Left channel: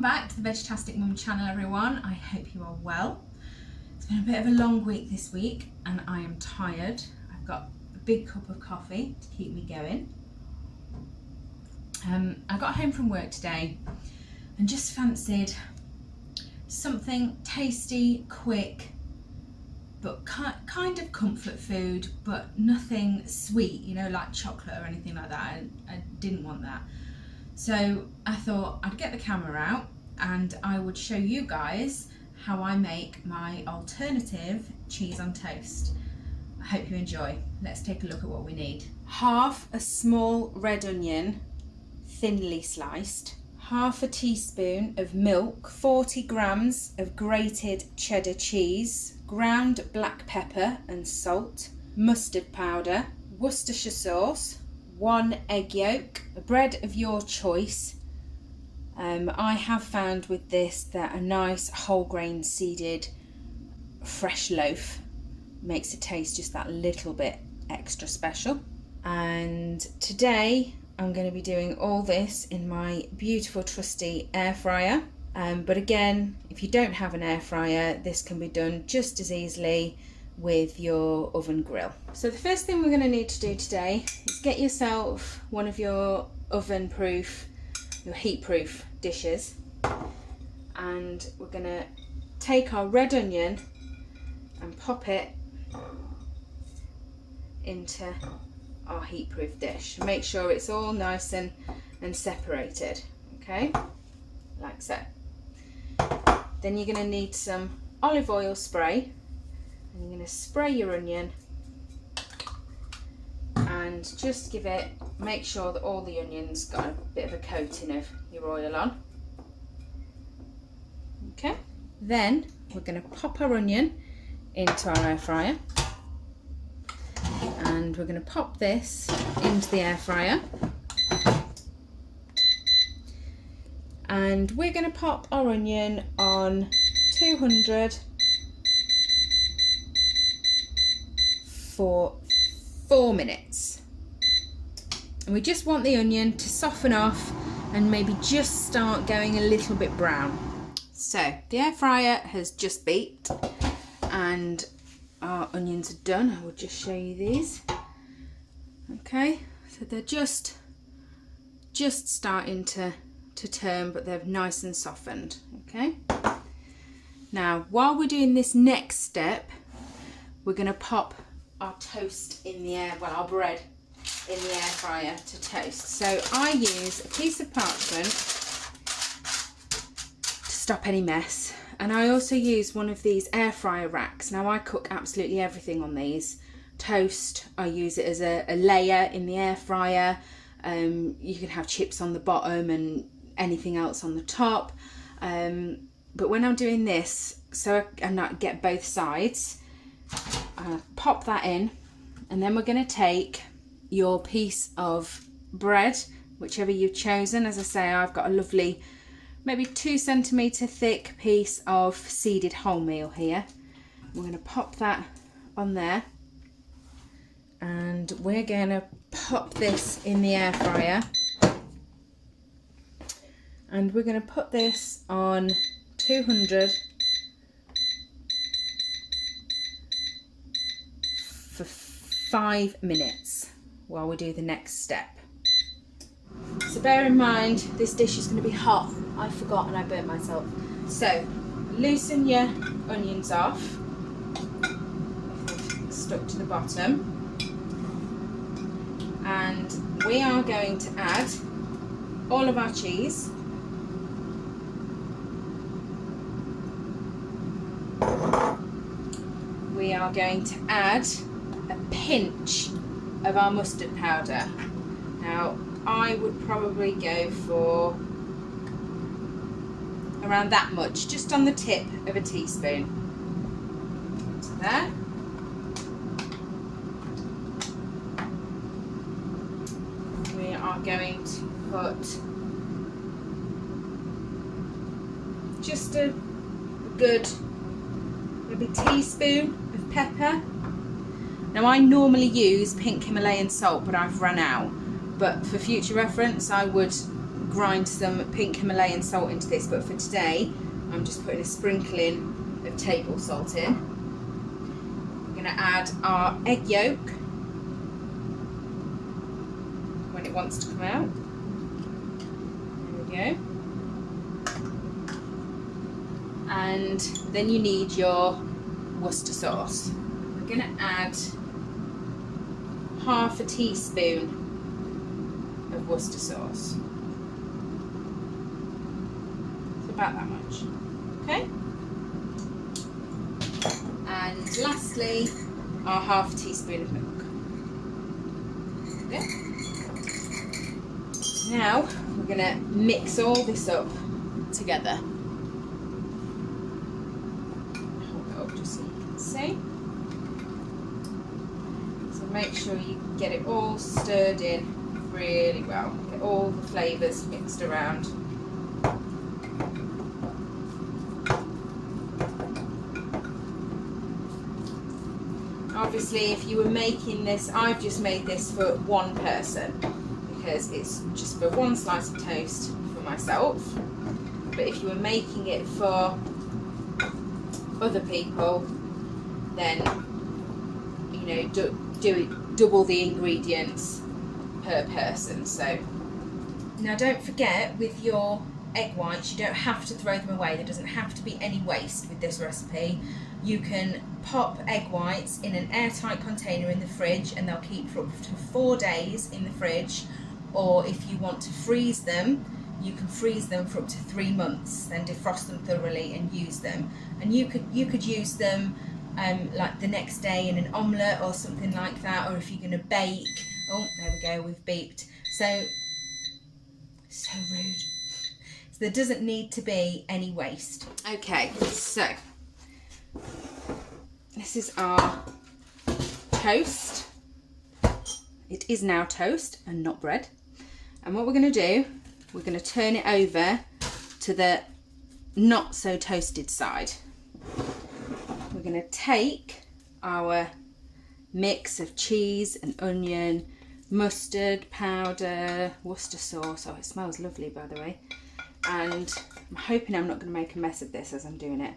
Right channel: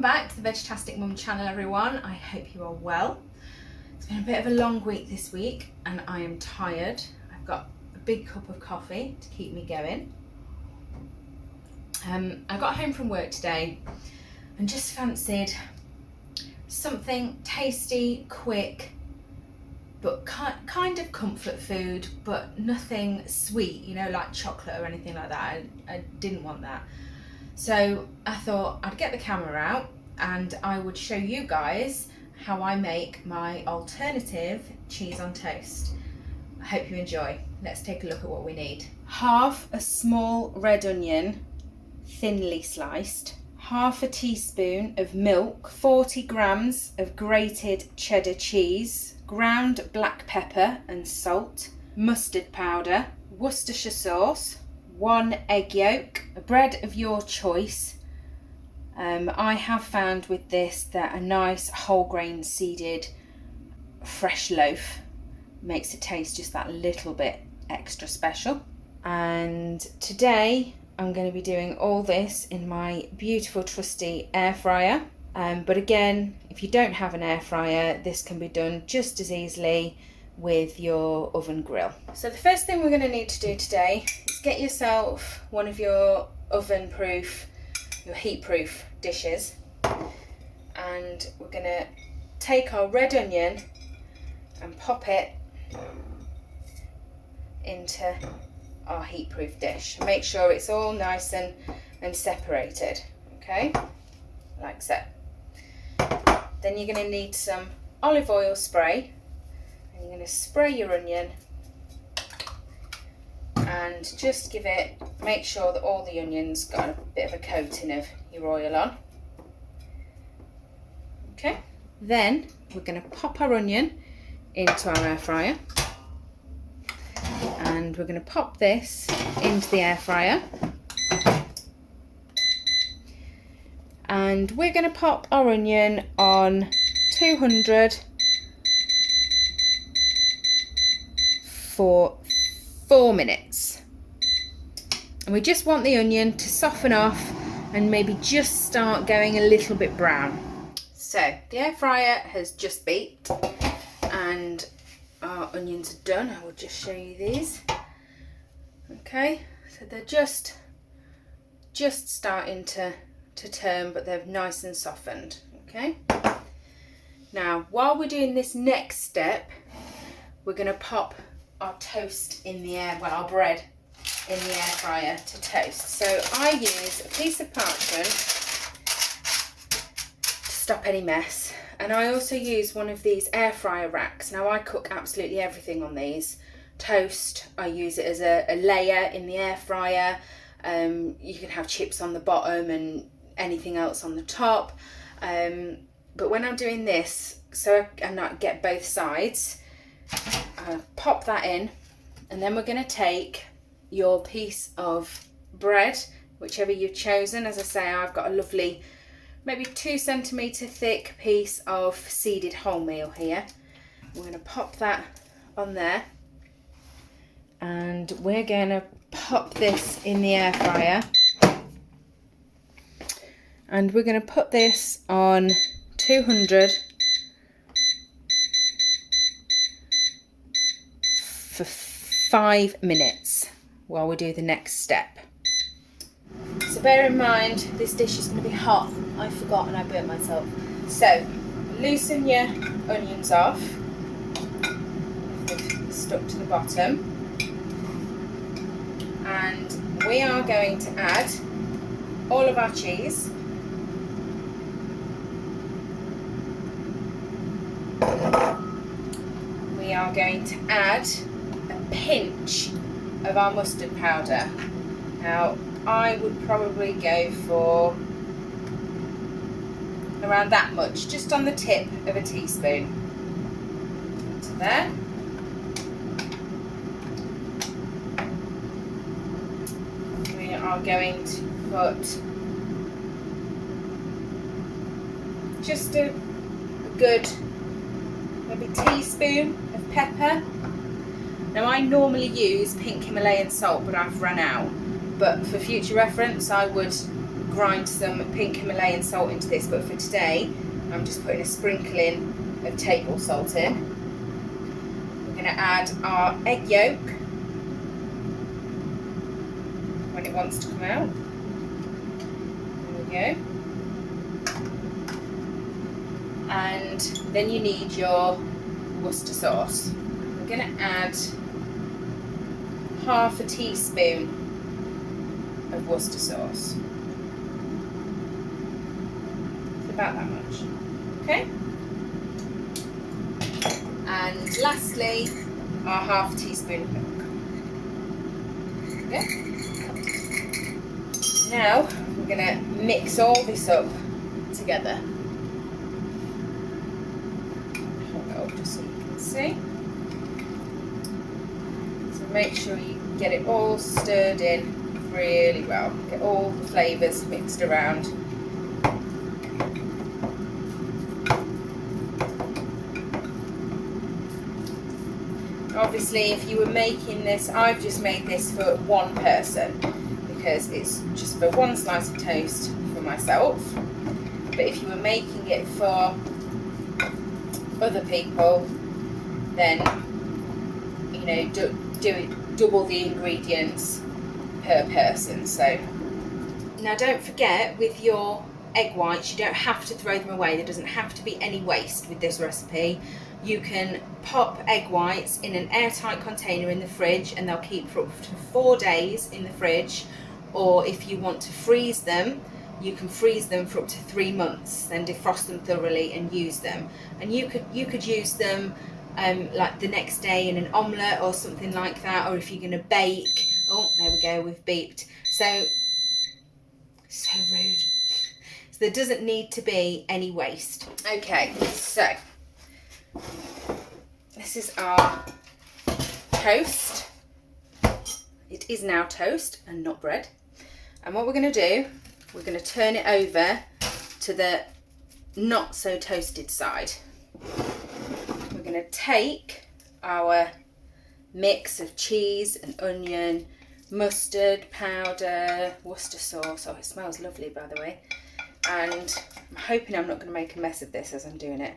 Welcome back to the Vegtastic Mum channel, everyone. I hope you are well. It's been a bit of a long week this week and I am tired. I've got a big cup of coffee to keep me going. I got home from work today and just fancied something tasty, quick, but kind of comfort food, but nothing sweet, you know, like chocolate or anything like that. I didn't want that. So I thought I'd get the camera out and I would show you guys how I make my alternative cheese on toast. I hope you enjoy. Let's take a look at what we need. Half a small red onion, thinly sliced, half a teaspoon of milk, 40 grams of grated cheddar cheese, ground black pepper and salt, mustard powder, Worcestershire sauce, 1 egg yolk, a bread of your choice. I have found with this that a nice whole grain seeded fresh loaf makes it taste just that little bit extra special. And today I'm going to be doing all this in my beautiful trusty air fryer. But again, if you don't have an air fryer, this can be done just as easily with your oven grill. So the first thing we're going to need to do today is get yourself one of your oven proof, your heat proof dishes, and we're going to take our red onion and pop it into our heat proof dish. Make sure it's all nice and separated, okay, like so. Then you're going to need some olive oil spray. You're going to spray your onion and just make sure that all the onions got a bit of a coating of your oil on. Okay, then we're going to pop our onion into our air fryer and we're going to pop this into the air fryer, and we're going to pop our onion on 200 for 4 minutes, and we just want the onion to soften off and maybe just start going a little bit brown. So the air fryer has just beeped and our onions are done. I will just show you these. Okay, so they're just starting to turn, but they're nice and softened. Okay, now while we're doing this next step, we're going to pop our toast in the air, well, our bread in the air fryer to toast. So I use a piece of parchment to stop any mess, and I also use one of these air fryer racks. Now I cook absolutely everything on these. Toast, I use it as a layer in the air fryer. You can have chips on the bottom and anything else on the top. But when I'm doing this, so I not get both sides, pop that in, and then we're going to take your piece of bread, whichever you've chosen. As I say, I've got a lovely, maybe 2 centimetre thick piece of seeded wholemeal here. We're going to pop that on there, and we're going to pop this in the air fryer, and we're going to put this on 200 for 5 minutes while we do the next step. So bear in mind, this dish is going to be hot. I forgot and I burnt myself. So loosen your onions off if they've stuck to the bottom, and we are going to add all of our cheese. We are going to add a pinch of our mustard powder. Now I would probably go for around that much, just on the tip of a teaspoon. So there. We are going to put just a good maybe teaspoon of pepper. Now I normally use pink Himalayan salt, but I've run out. But for future reference, I would grind some pink Himalayan salt into this, but for today I'm just putting a sprinkling of table salt in. We're going to add our egg yolk when it wants to come out. There we go. And then you need your Worcester sauce. I'm going to add half a teaspoon of Worcester sauce. So about that much. Okay. And lastly, our half teaspoon of milk. Okay. Now we're going to mix all this up together. Hold it up just so you can see. So make sure you get it all stirred in really well. Get all the flavours mixed around. Obviously, if you were making this, I've just made this for one person because it's just for one slice of toast for myself. But if you were making it for other people, then you know, do it double the ingredients per person. So now don't forget, with your egg whites, you don't have to throw them away. There doesn't have to be any waste with this recipe. You can pop egg whites in an airtight container in the fridge and they'll keep for up to 4 days in the fridge, or if you want to freeze them, you can freeze them for up to 3 months, then defrost them thoroughly and use them. And you could use them like the next day in an omelette or something like that, or if you're going to bake. Oh, there we go, we've beeped. So rude. So there doesn't need to be any waste. Okay, so this is our toast. It is now toast and not bread. And what we're going to do, we're going to turn it over to the not so toasted side. We're going to take our mix of cheese and onion, mustard powder, Worcester sauce. Oh, it smells lovely, by the way. And I'm hoping I'm not going to make a mess of this as I'm doing it.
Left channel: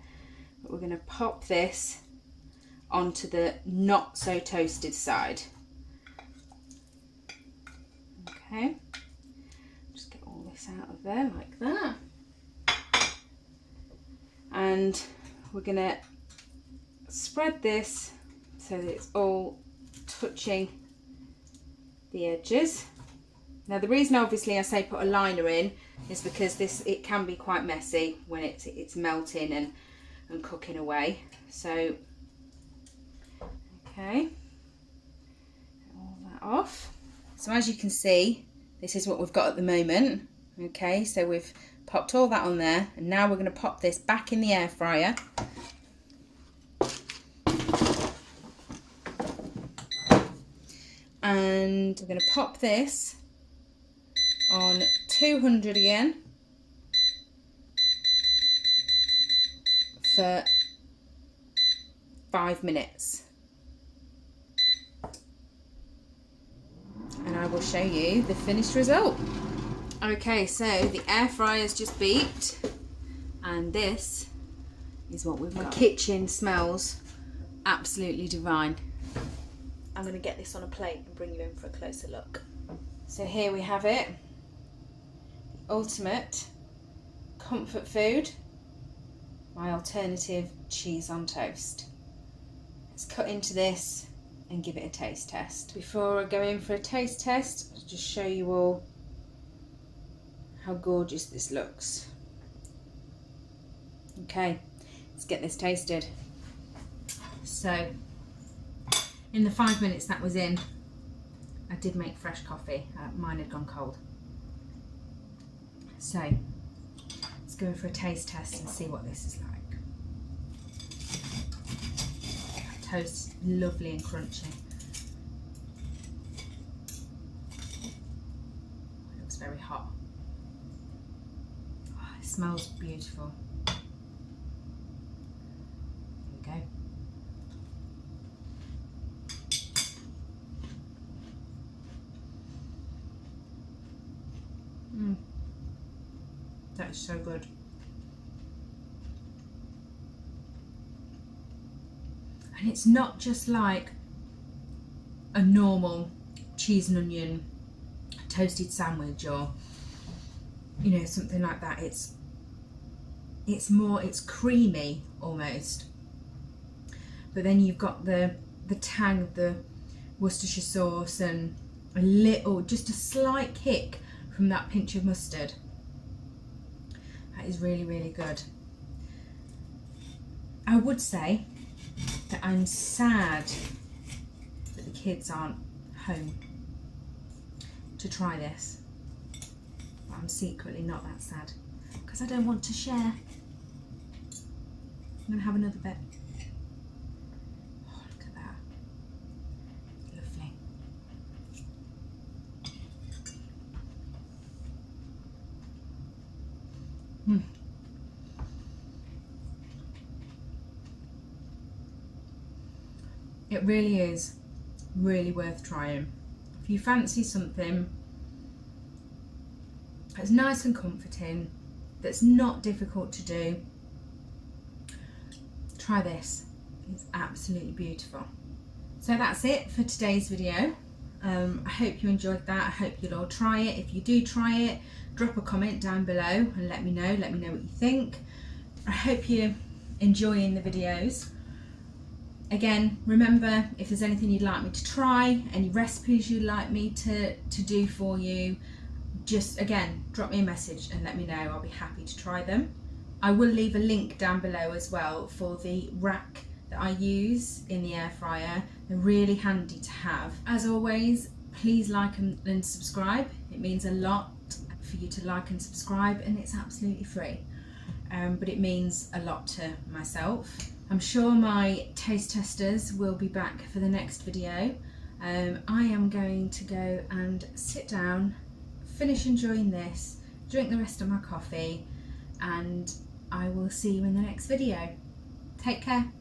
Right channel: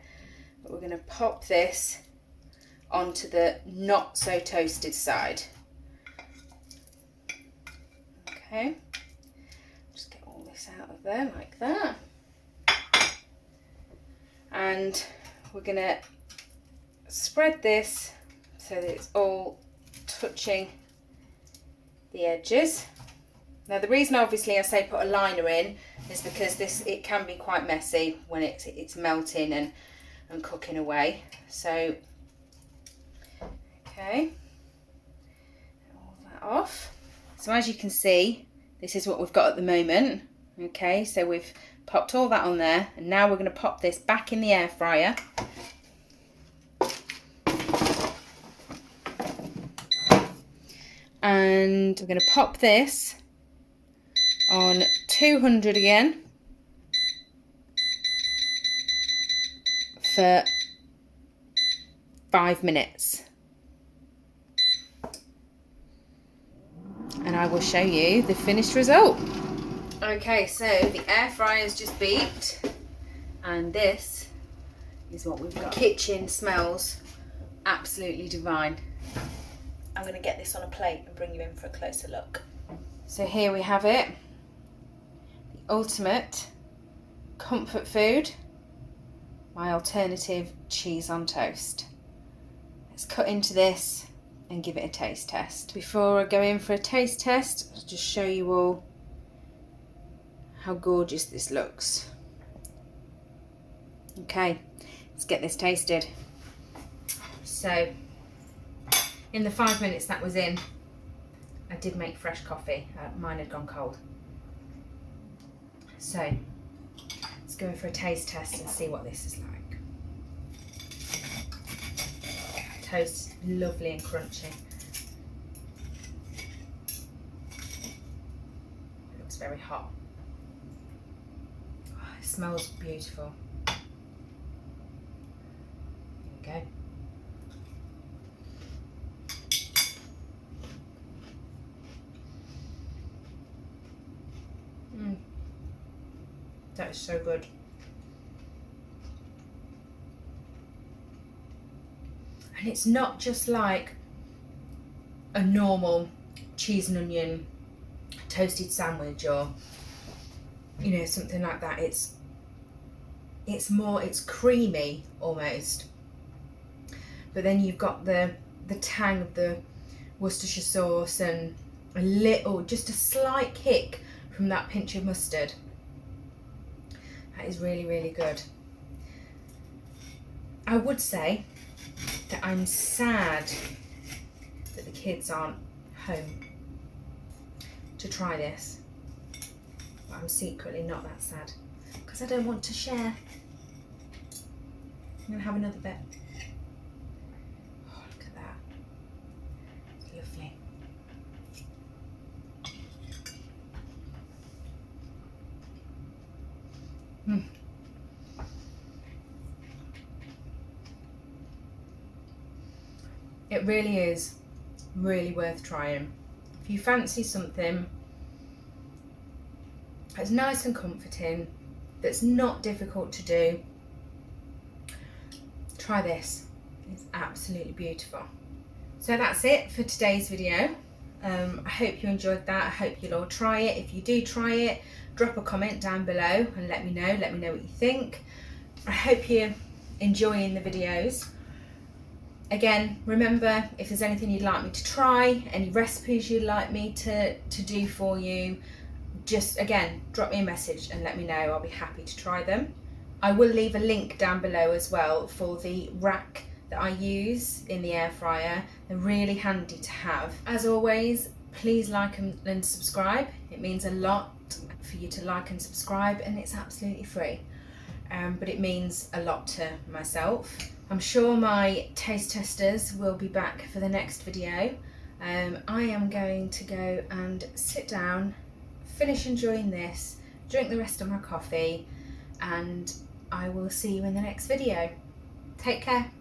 But we're going to pop this onto the not so toasted side. Okay, just get all this out of there like that. And we're going to spread this so that it's all touching the edges. Now the reason obviously I say put a liner in is because it can be quite messy when it's melting and cooking away. So okay, get all that off. So as you can see, this is what we've got at the moment. Okay, so we've popped all that on there, and now we're going to pop this back in the air fryer. And we're going to pop this on 200 again for 5 minutes. And I will show you the finished result. Okay, so the air fryer's just beeped, and this is what we've got. The kitchen smells absolutely divine. I'm going to get this on a plate and bring you in for a closer look. So here we have it, the ultimate comfort food, my alternative cheese on toast. Let's cut into this and give it a taste test. Before I go in for a taste test, I'll just show you all how gorgeous this looks. Okay, let's get this tasted. So, in the 5 minutes that was in, I did make fresh coffee. Mine had gone cold. So, let's go in for a taste test and see what this is like. Toast, lovely and crunchy. It looks very hot. Oh, it smells beautiful. Here we go. is so good. And it's not just like a normal cheese and onion toasted sandwich, or you know, something like that. It's creamy almost, but then you've got the tang of the Worcestershire sauce and just a slight kick from that pinch of mustard. That is really, really good. I would say that I'm sad that the kids aren't home to try this, but I'm secretly not that sad because I don't want to share. I'm going to have another bit. Oh, look at that. Lovely. It really is really worth trying. If you fancy something that's nice and comforting, that's not difficult to do, try this. It's absolutely beautiful. So that's it for today's video. I hope you enjoyed that. I hope you'll all try it. If you do try it, drop a comment down below and let me know what you think. I hope you're enjoying the videos. Again, remember, if there's anything you'd like me to try, any recipes you'd like me to do for you, just again, drop me a message and let me know. I'll be happy to try them. I will leave a link down below as well for the rack that I use in the air fryer. They're really handy to have. As always, please like and subscribe. It means a lot for you to like and subscribe, and it's absolutely free. But it means a lot to myself. I'm sure my taste testers will be back for the next video. I am going to go and sit down, finish enjoying this, drink the rest of my coffee, and I will see you in the next video. Take care.